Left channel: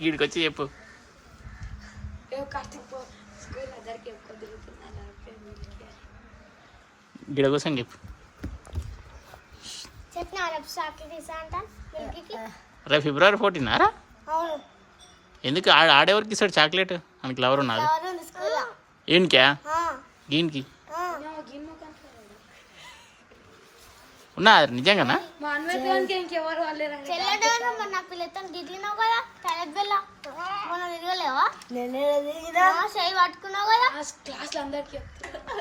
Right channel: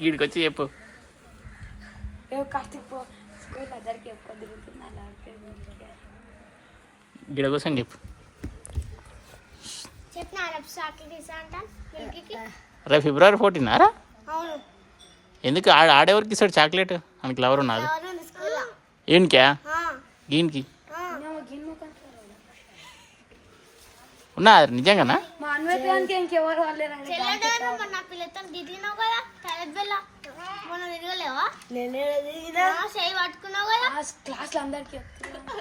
వీడికి వచ్చి చెప్పు. గిడ కోసం చెప్పు. రేపు ఫిబ్రవరి 14 ఎందుకు ఆడేవరకు ఇస్తాడు చాక్లెట్? మనకి లవర్ ఉన్నది ఏంటికా గీన్కి ఉన్నా నిజంగానా?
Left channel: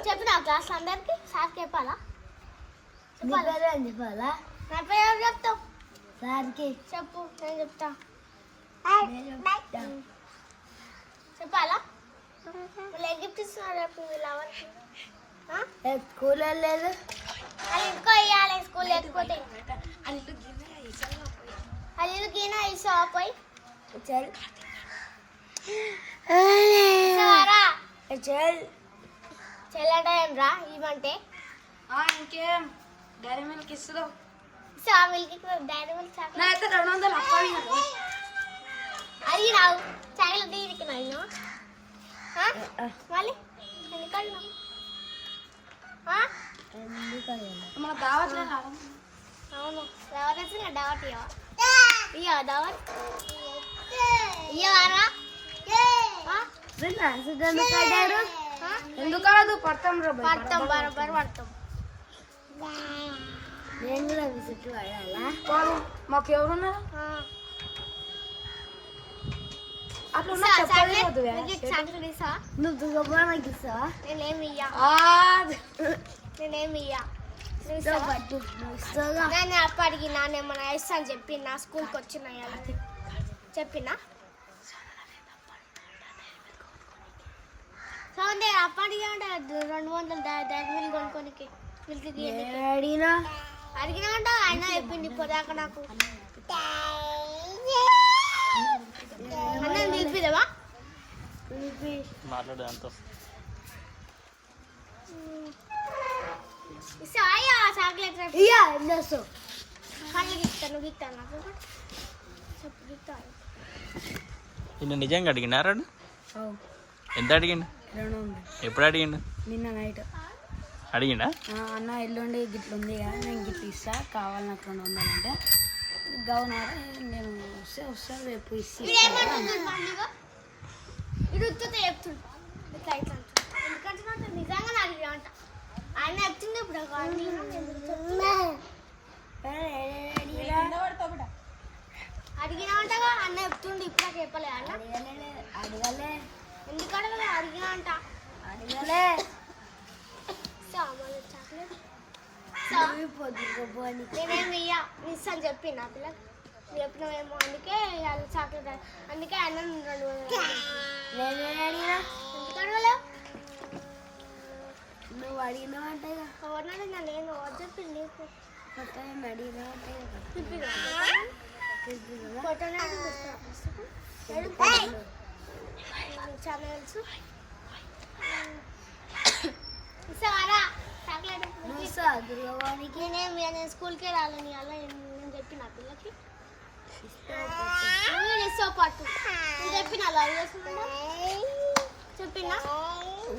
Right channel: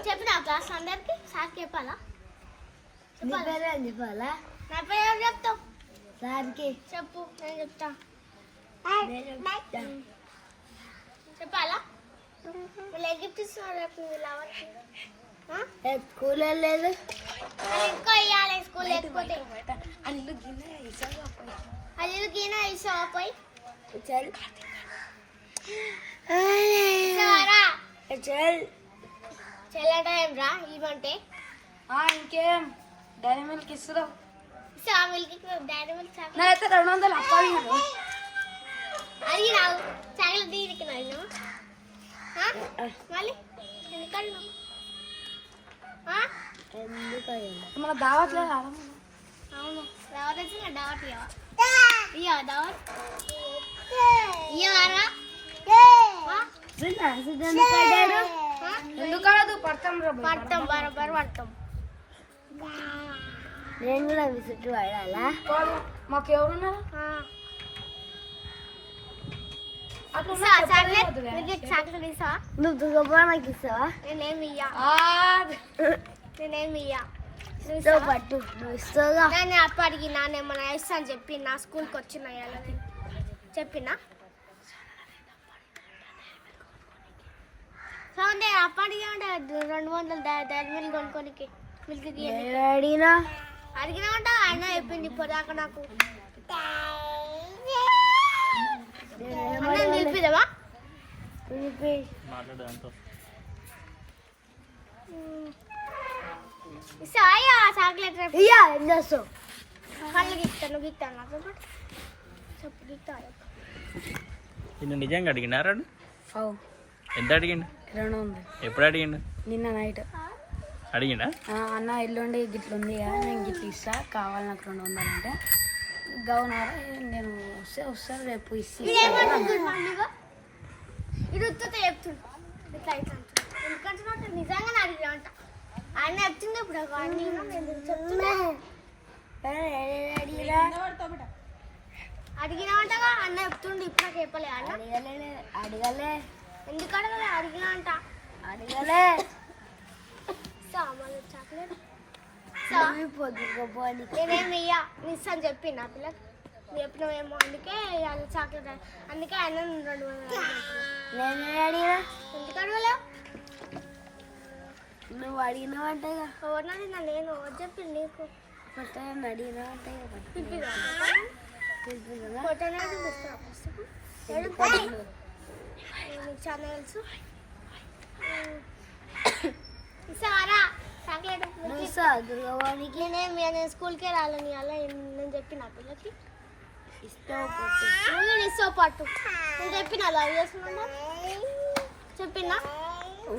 చెప్పినా క్లాస్ అందరికి సార్ చెప్పాలా? చెప్పాలా? చెప్తావు సార్కి చెప్పు. నేను చెప్తా. చెప్పాలా? గిఫ్ట్ ఇస్తున్నారు స్కూల్ లేదు ఇంకో ఇవ్వాలి. స్కూల్ లేకపోతే అల్లు గిన ఇస్తావా పోయి? చెల్లట ఏం రా ఇవ్వంటే ఇంకేం డైరీ మిల్క్ ఇస్తున్నావు? డైరీ మిల్క్ అయితే 200 అప్పాలి అడిగినావు చాక్లెట్ తీసుకున్నాను మళ్ళీ మన దావత్లో అవును దావత్ వచ్చిన దావత్ ఇయ్యా దావత్ ఇయ్యవారా? ఎందుకు పడతాం పడతాం బరాబర్ పడతాం. నేను కూడా విజిట్ పడాలా? మాకు ఎవరున్నా నువ్వు దుర్గమ్మ నాకు ఇస్తావా? నేనేమి పట్టు నువ్వు ఇస్తావుగా. నేను అప్ప అడిగినా నేమన్నా ఇస్తా అని చెప్పి నా స్కూల్కి వచ్చిన చెప్పినా సౌండ్ అప్ప అడిగా 200 డైరీ మిల్క్ కొనుక్కోనికి అడిగినా అంట ఆయన చెప్పింది ఇప్పటిదాకా నాకు. నిలిపిదవా ఇస్తాయా చాక్లెట్? ఎన్నోస్తావు? కళ్ళు గిస్తాను గిస్తాను నాకు చెప్పు గిస్తాను. నిజంగా అడిగినారా? ఎంత అడిగిండు? 200. ఎప్పుడు అడిగిండు? నిన్న నైట్ అడిగిండా? అన్న ఎల్లుండి గిట్ల ఉంది కదా నేను గిట్ల ఇస్తా కావాలి నాకు 200 అంటే గౌనారా నేను వస్తాను రేపు ఇస్తా ఇది ఉత్తుతో చెప్తుంటా ఎందుకంటే నాకు నిజంగా అడిగినా అంట ఆయన చెప్తుంది. ఇప్పుడు అడిగినా అంటగా అన్న చెప్తుండే ఇప్పుడు నాకు చెప్పలే అన్న అడగలే. ఎందుకు అడగలే? అడిగినా అంట అడగలే. చాక్లెట్ నేనేమి ఇస్తా అని చెప్పి నా పిల్లకి చెప్పినామేమో అందుకే చాక్లెట్ అందుకే ఆయన 200 నేను అడిగినా. ఎందుకు అడగలే? నువ్వు అడిగినావంటే ఎవరిని అడిగినా? నేను చెప్పి నీకు అడిగినావంటే చాలా తెలుసు. ఇస్తావారా చాక్లెట్? దుర్గవానికి నేను స్కూల్కే రాలని అలా నేను చెప్పిన పిల్లకి ఇస్తావు పట్టు నేను చెప్పిన లవ్ చేస్తున్నా చెప్పినా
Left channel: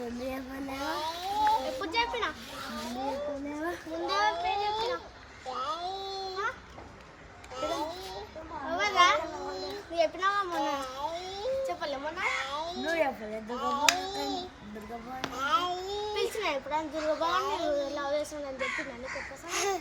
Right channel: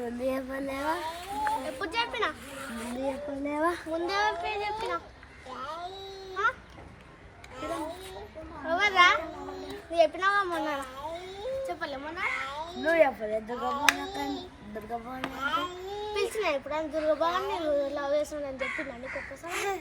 ముందు చెప్పలేవా? ఎప్పుడు చెప్పినా? ముందు చెప్పలేవా? ముందే చెప్పినా ఎవరా? నువ్వు చెప్పినావా మొన్న? చెప్పలే మొన్న? నువ్వు చెప్పలే దుర్గభవన్ పిలిచిన ఇప్పుడు దుర్గభవన్ నేను లవ్ చేస్తున్నాను చెప్పినా నీకు ఒక్కసారి